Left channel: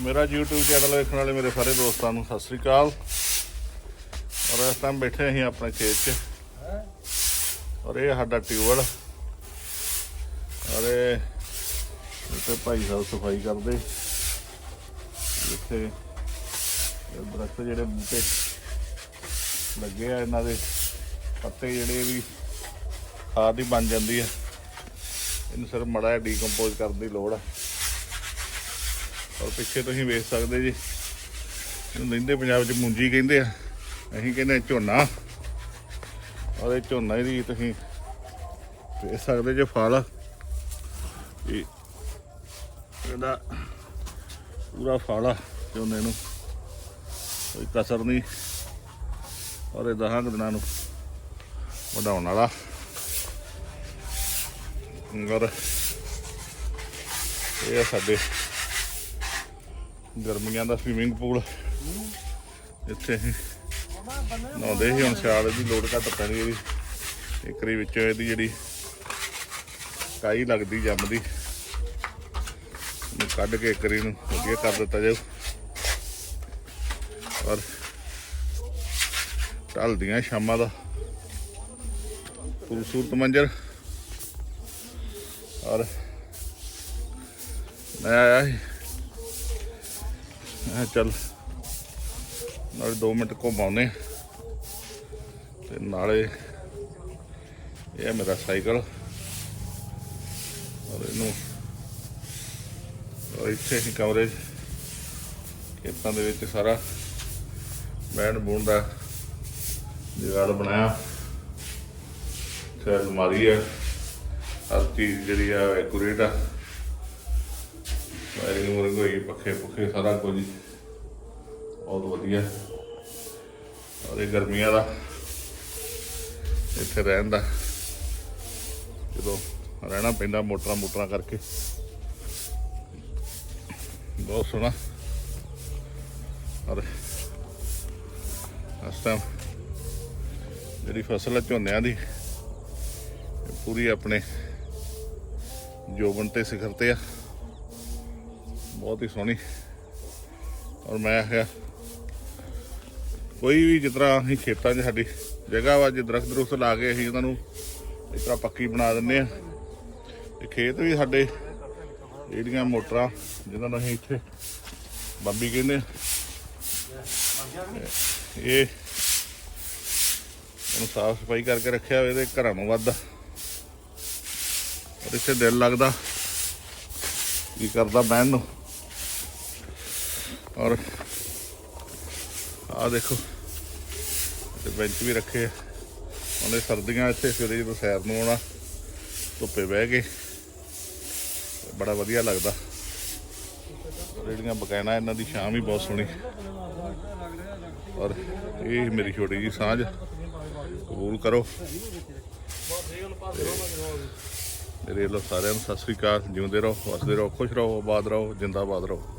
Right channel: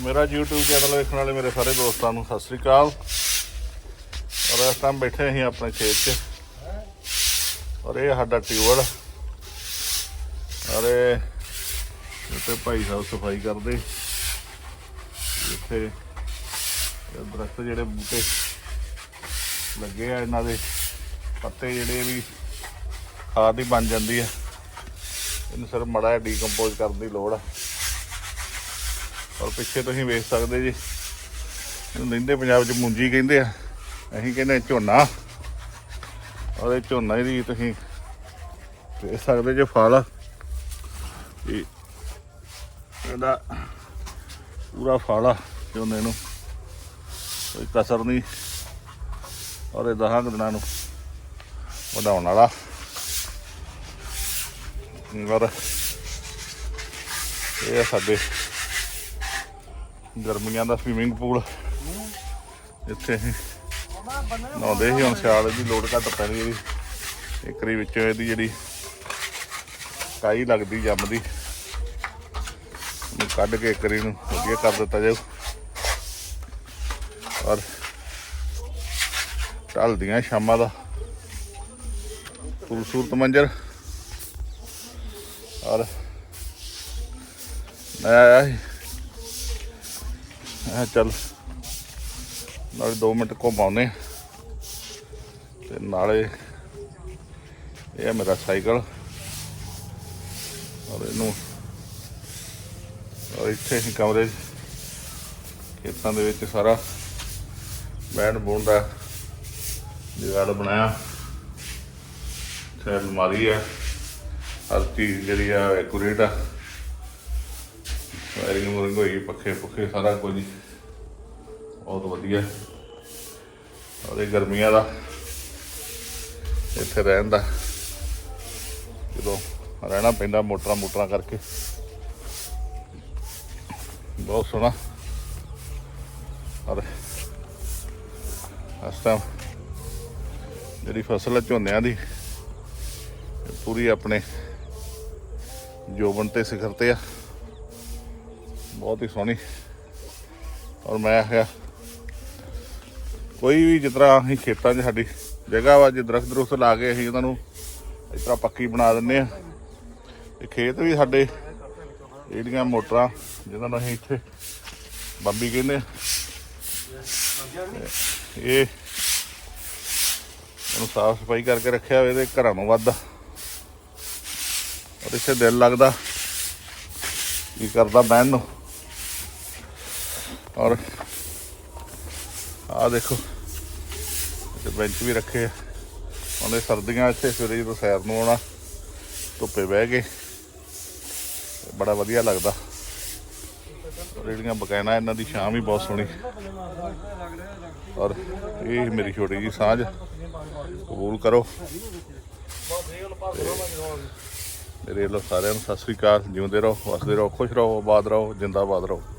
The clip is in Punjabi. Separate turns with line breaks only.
ਮੇਰਾ YouTube ਚੈਨਲ ਵੇਖਣ ਵਾਲੇ ਮੇਰੇ ਸਾਰੇ ਦੋਸਤਾਂ ਨੂੰ ਸਤਿ ਸ੍ਰੀ ਅਕਾਲ। ਔਰ ਇਸ ਟਾਈਮ ਬੈਠੇ ਅਸੀਂ ਆਪਣੇ ਖੇਤ 'ਚ। ਔਰ ਇਹ ਸਾਡਾ ਟਿਊਬਲ ਔਰ ਇਹ ਭਾਈ ਸਾਹਿਬ ਸਫ਼ਾਈ ਕਰਦੇ। ਇੱਥੇ ਇਹ ਦਰਖਤ ਜਿਹੜੇ ਬੂਟੇ ਲੱਗੇ ਆ ਇਹਨਾਂ ਦੇ, ਪੱਤੇ ਜਿਹੜੇ ਵੀ ਖਾਦ ਹੀ ਬਣ ਜਾਂਦੀ ਆ। ਇਹਨੂੰ ਸਿਰ ਮੜਾ ਡੀਕੰਪੋਜ਼ ਕਰਨ ਦੀ ਲੋੜ ਆ। ਔਰ ਪਿੱਛੇ ਤੁਸੀਂ ਵੇਖ ਸਕਦੇ ਜੀ, ਇਹਨੂੰ ਲੈਂਦੇ ਪੰਜਾਬ 'ਚ ਮੁੰਜੀ ਕਹਿੰਦੇ ਆ, ਅਸੀਂ ਕਹਿੰਦੇ ਝੋਨਾ। ਔਰ ਇਹ ਝੋਨਾ ਦੀ ਤੁਸੀਂ ਵੇਖ ਸਕਦੇ ਜੇ ਫਲ। ਇਹ ਇਹਦਾ ਪੂਰਾ ਫਲ ਆ ਝੋਨੇ ਨੂੰ, ਕੋਈ ਕਸਰ ਨਹੀਂ। ਔਰ ਇਹ ਦਹਾਂ ਕੁ ਦਿਨਾਂ ਨੂੰ ਵਧਾਉਣ ਵਾਲਾ। ਔਰ ਇਹ ਆ ਸਾਡੇ ਗਰਮੀਆਂ ਦਾ ਸਵੀਮਿੰਗ ਪੂਲ ਇੱਥੇ ਅਸੀਂ ਨਹਾਉਂਦੇ ਸੀ, ਹੁਣ ਸਿਆਲ ਦੀ ਲੋੜ ਘੱਟ ਪੈਣੀ ਇਹਦੀ। ਇੱਕਰੀ ਵਿੱਚ ਇਹਦੀ ਜਿਹੜੀ ਕਾਈ ਲੱਗਦੀ, ਜੰਮਦੀ। ਨੂੰ ਕੱਢ ਕੇ ਇੱਕਰੀ ਨੂੰ ਵਧੀਆ ਕਰ ਦਿੱਤਾ ਜਾਊ। ਔਰ ਢਲਦੀਆਂ ਸ਼ਾਮਾਂ ਦਾ। ਖੂਬਸੂਰਤ ਮੰਜ਼ਰ ਔਰ ਮੈਂ ਆਇਆ ਸੀ। ਮੈਂ ਚੱਲ ਨਾਲੇ 2 ਮਿੰਟ ਘੁੰਮ ਆਉਂਦੇ ਹਾਂ। ਤੇ ਨਾਲੇ ਇਹ ਹੈ ਮੇਰਾ ਸਾਈਕਲ। ਔਰ ਇਹਨੂੰ ਔਰ ਇੱਥੇ ਹੀ ਕਮਰੇ, ਖੇਤਾਂ ਦੇ ਵਿੱਚ ਸਾਰਾ ਬੈਠ ਬੁਣ ਦਾ ਜਗਾੜ ਬਣਾਇਆ। ਫਿਰ ਅਲਮਾਰੀ ਹੈ। ਹਰ ਚੀਜ਼ ਜਿਹੜੀ ਆ ਐਕੂਰੇਟ ਆ। ਵਾਇਰਿੰਗ ਵੂਰਿੰਗ ਹੋਈ ਪੱਖੇ ਪੁੱਖੇ ਸਾਰਾ ਕੁਝ ਬਹੁਤ ਵਧੀਆ। ਔਰ ਇਹ ਗਰਮੀਆਂ ਦਾ ਇੱਥੇ ਰਹਿਣ ਦਾ। ਜਦੋਂ ਰਹਿਣਾ ਪੈਂਦਾ ਮੋਟਰਾਂ ਮੋਟਰਾਂ ਕਰਕੇ। ਬਹੁਤ ਸੋਹਣਾ। ਔਰ ਇਸ ਟਾਈਮ ਜਿਹੜੀ ਫਸਲ ਹੈ ਝੋਨਿਆਂ ਦੀ ਪੂਰੀ ਆਪਣੇ ਜੋਬਨ ਤੇ ਸਿਖਰ ਤੇ ਆ। ਬਹੁਤ ਹੀ ਸੋਹਣੀ। ਔਰ ਮੈਂ ਆਖਿਆ ਕੋਈ ਵੀ ਜਿਸ ਤਰ੍ਹਾਂ ਅਸੀਂ ਖੇਤਾਂ 'ਚ ਸਾਡੀ ਜਗ੍ਹਾ ਵਾ, ਜੇ ਦਰਖਤ ਦਰੁਖਤ ਲਾ ਕੇ ਅਸੀਂ ਉਹਨਾਂ ਨੂੰ ਇਸ ਤਰ੍ਹਾਂ ਪੱਕੀ ਬਣਾ ਦਿੰਨੇ ਆ ਤੇ ਖੇਤ ਵੀ ਸਾਡੇ ਜਿਹੜੀਆਂ ਮੋਟਰਾਂ ਜਿਹਨਾਂ ਨੂੰ ਅਸੀਂ ਇੱਥੇ ਬੰਬੀ ਕਹਿੰਦੇ ਆ ਇਹ ਉਹਨੂੰ ਸਾਫ਼ ਸਫ਼ਾਈ ਕਰਕੇ ਰੱਖਿਆ ਹੋਵੇ ਤੇ ਘਰਾਂ ਨੂੰ ਵੱਧ ਔਰ ਇੱਥੇ ਦਿਲ ਲੱਗਦਾ, ਕੀ ਕਰਦਾ ਬਹਿਣ ਨੂੰ। ਔਰ ਆ ਦੇਖੋ ਤੇ ਬੈਂਚ ਵੀ ਰੱਖੇ ਆ। ਉਹਨੇ ਸਰਦੀਆਂ ਇੱਥੇ ਸਵੇਰੇ ਜਦੋਂ ਸੈਰ ਨੂੰ ਆਉਣਾ, ਧੁੱਪੇ ਬਹਿ ਕੇ, ਬੜਾ ਵਧੀਆ ਲੱਗਦਾ। ਜਿਹੜੀਆਂ ਬਕਾਇਨਾ ਇਹਨਾਂ ਦੀ ਸ਼ਾਮ ਵੀ ਬਹੁਤ ਸੋਹਣੀ। ਔਰ ਇਹ ਮੇਰੀ ਛੋਟੀ ਜੀ ਸਾਂਝ, ਕਬੂਲ ਕਰੋ। ਤੇ ਮੇਰੇ ਵੱਲੋਂ ਸਾਰਿਆਂ ਨੂੰ ਸਤਿ ਸ੍ਰੀ ਅਕਾਲ। ਜਿਉਂਦੇ ਰਹੋ, ਵਸਦੇ ਰਹੋ, ਖੁਸ਼ ਰਹੋ, ਆਬਾਦ ਰਹੋ, ਜਿੰਦਾਬਾਦ ਰਹੋ।